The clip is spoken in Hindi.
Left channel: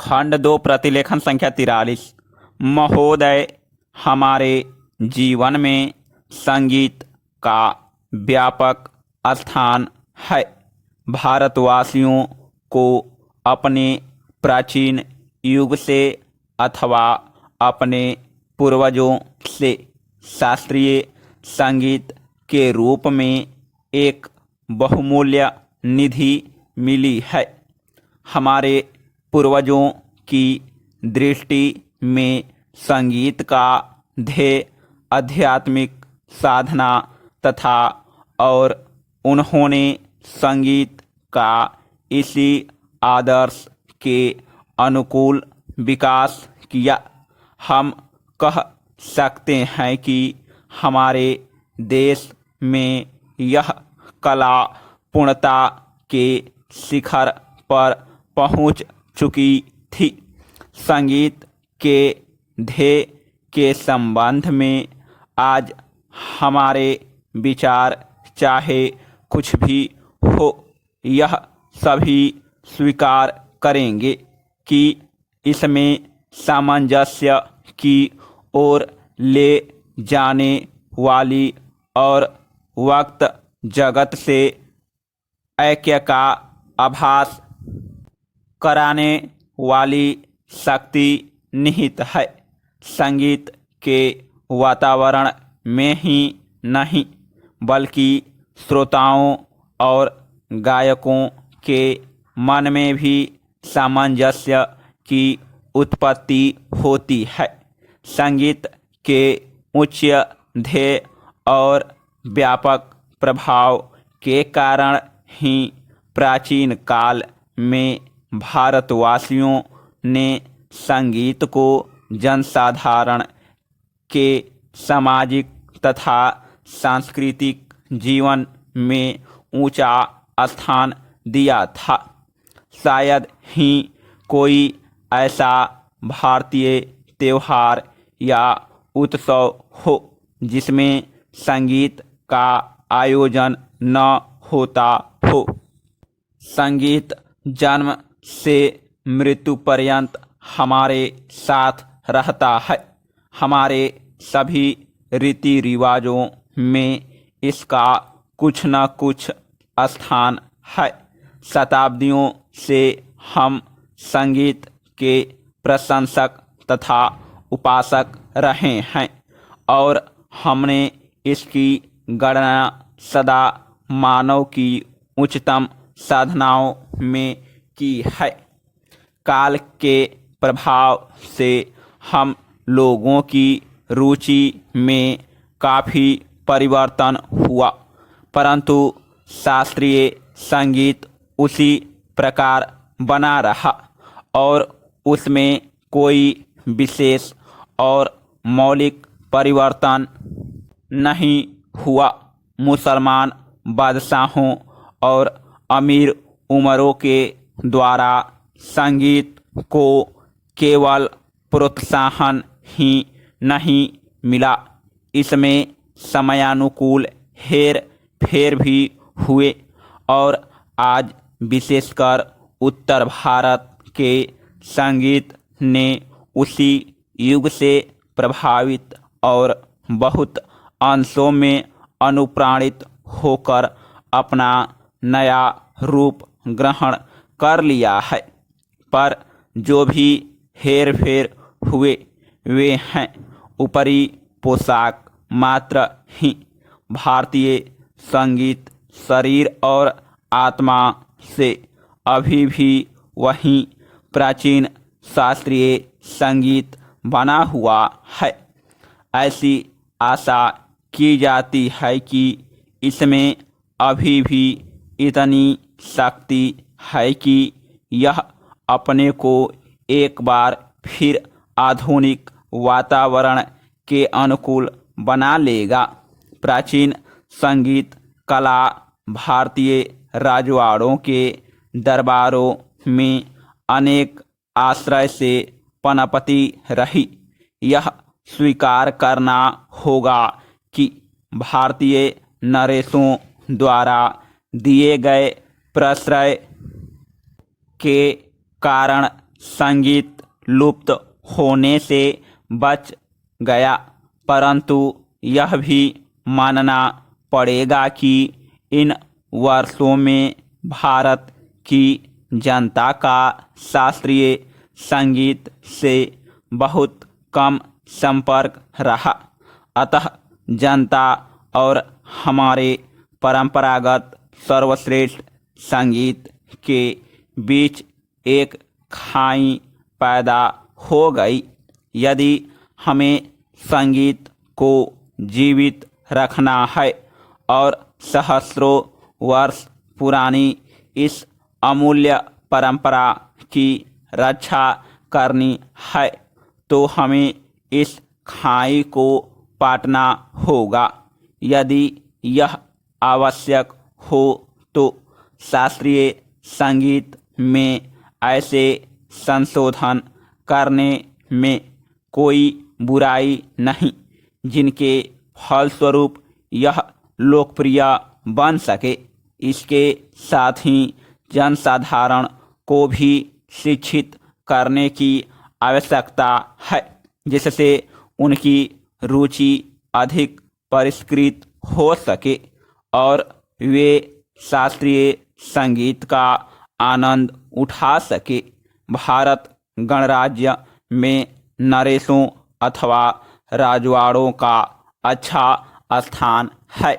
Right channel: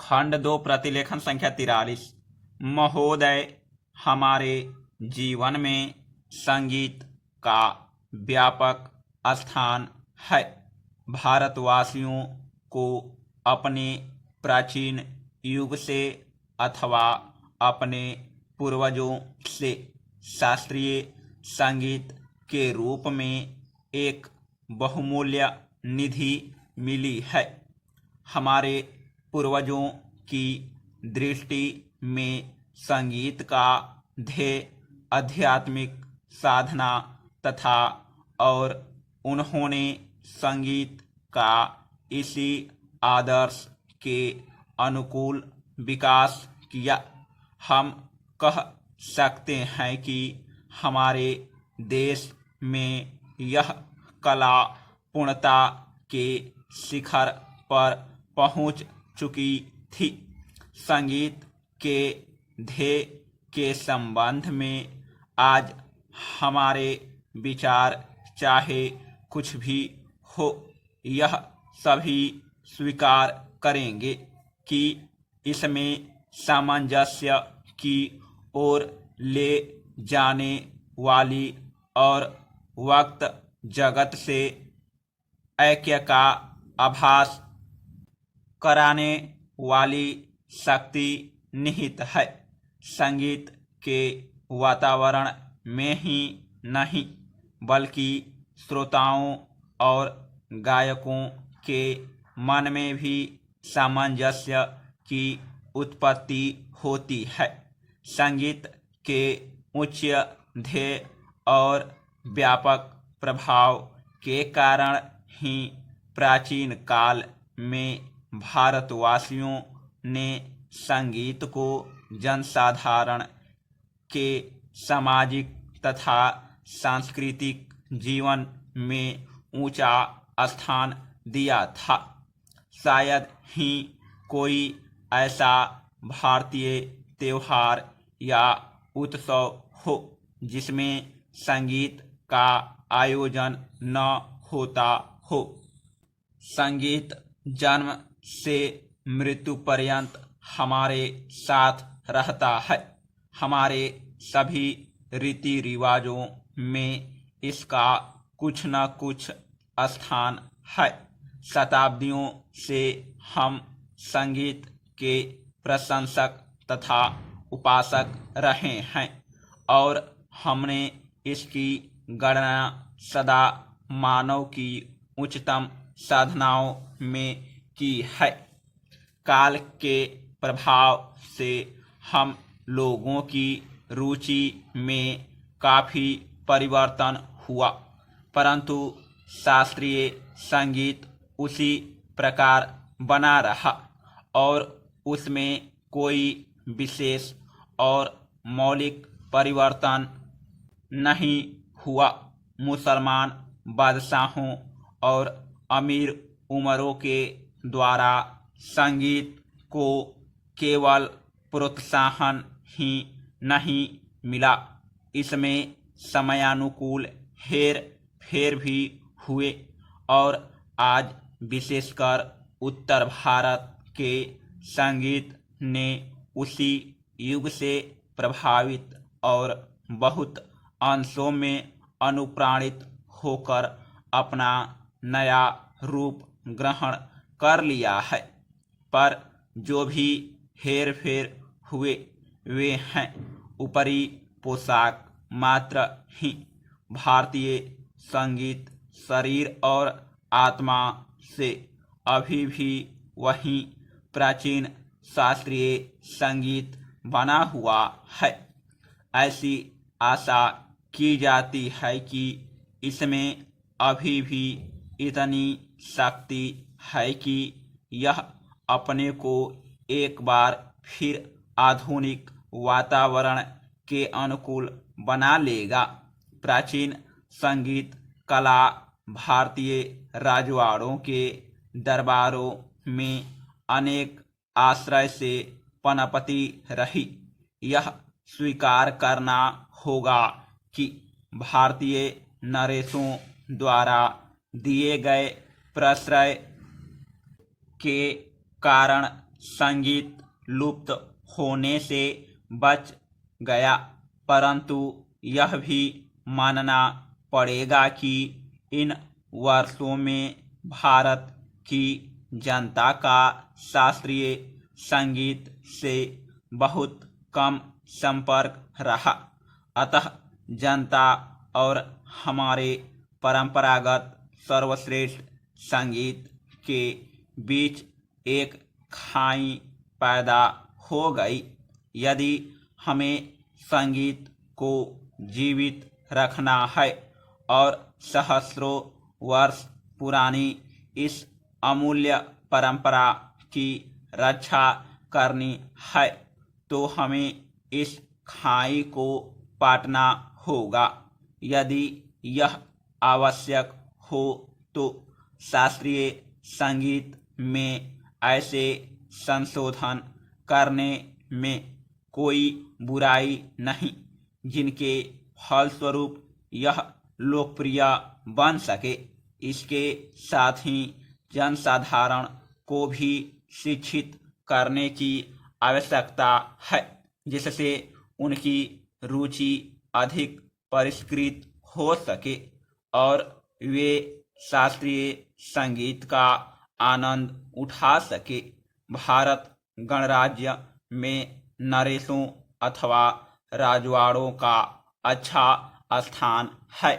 खंड 2 प्रतिलेखन संख्या 43। महोदय, हमारे जीवन में संगीत का व्यापक स्थान है। भारतवासियों को अपने प्राचीन युग से अथवा अपने पूर्वजों से शास्त्रीय संगीत के रूप में एक बहुमूल्य निधि मिली है। हमारे पूर्वजों की दृष्टि में संगीत का ध्येय आध्यात्मिक साधना तथा और उन्होंने संगीत का इसी आदर्श के अनुकूल विकास किया। हम कह सकते हैं कि हमारे देश में यह कला पूर्णता के शिखर पर पहुंच चुकी थी। संगीत के ध्येय के संबंध में आज हमारे विचार चाहे कुछ भी हो, यह सभी स्वीकार करेंगे कि इसमें सामंजस्य की ओर ले जाने वाली और वक्त जगत से ऐक्य का आभास कराने वाली शक्ति निहित है। संगीत के वातावरण में ही नहीं बल्कि श्रोताओं और गायकों के मन में भी सामंजस्य की उत्पत्ति होती है। संगीत के उच्च ध्येय और व्यापक प्रभाव के कारण ही प्राचीन काल में भारतवासियों ने संगीत को जनसाधारण के सामाजिक तथा सांस्कृतिक जीवन में ऊंचा स्थान दिया था। शायद ही कोई ऐसा भारतीय त्योहार या उत्सव हो जिसमें संगीत का आयोजन न होता हो। संगीत जन्म से मृत्यु पर्यंत हमारे साथ रहता है। हमारे सभी रीति रिवाजों में इसका कुछ न कुछ स्थान है। शताब्दियों से हम संगीत के प्रशंसक तथा उपासक रहे हैं और हमने इसकी गणना सदा मानव की उच्चतम साधनाओं में की है। काल के प्रभाव से हम लोगों की रुचि में काफ़ी परिवर्तन हुआ, परंतु शास्त्रीय संगीत उसी प्रकार बना रहा और उसमें कोई विशेष और मौलिक परिवर्तन नहीं हुआ। मुसलमान बादशाहों और अमीर उमरों के द्वारा संगीत को केवल प्रोत्साहन ही नहीं मिला, इसमें समयानुकूल हेर फेर भी हुए और आज विशेषकर उत्तर भारत के संगीत ने उसी युग से प्रभावित और बहुत अंशों में अनुप्राणित होकर अपना नया रूप ग्रहण कर लिया है। पर जो भी हेर फेर हुए वे हैं ऊपरी पोशाक मात्र ही। भारतीय संगीत शरीर और आत्मा से अभी भी वही प्राचीन शास्त्रीय संगीत बना हुआ है। ऐसी आशा की जाती है कि इसमें अभी भी इतनी शक्ति है कि यह अपने को एक बार फिर आधुनिक वातावरण के अनुकूल बना लेगा। प्राचीन संगीत कला भारतीय राजवाड़ों के दरबारों में अनेक आश्रय से पनपती रही। यह स्वीकार करना होगा कि भारतीय नरेशों द्वारा दिए गए प्रश्रय के कारण संगीत लुप्त होने से बच गया, परंतु यह भी मानना पड़ेगा कि इन वर्षों में भारत की जनता का शास्त्रीय संगीत से बहुत कम संपर्क रहा। अतः जनता और हमारे परंपरागत सर्वश्रेष्ठ संगीत के बीच एक खाई पैदा हो गई। यदि हमें संगीत को जीवित रखना है और सहस्रों वर्ष पुरानी इस अमूल्य परंपरा की रक्षा करनी है, तो हमें इस खाई को पाटना होगा। यदि यह आवश्यक हो तो शास्त्रीय संगीत में ऐसे संशोधन करने में कोई बुराई नहीं जिनके फलस्वरूप यह लोकप्रिय बन सके। इसके साथ ही जनसाधारण को भी शिक्षित करने की आवश्यकता है, जिससे उनकी रुचि अधिक परिष्कृत हो सके और वे शास्त्रीय संगीत का आनंद उठा सके। भारत गणराज्य में नरेशों अथवा राजवाड़ों का अच्छा स्थान है।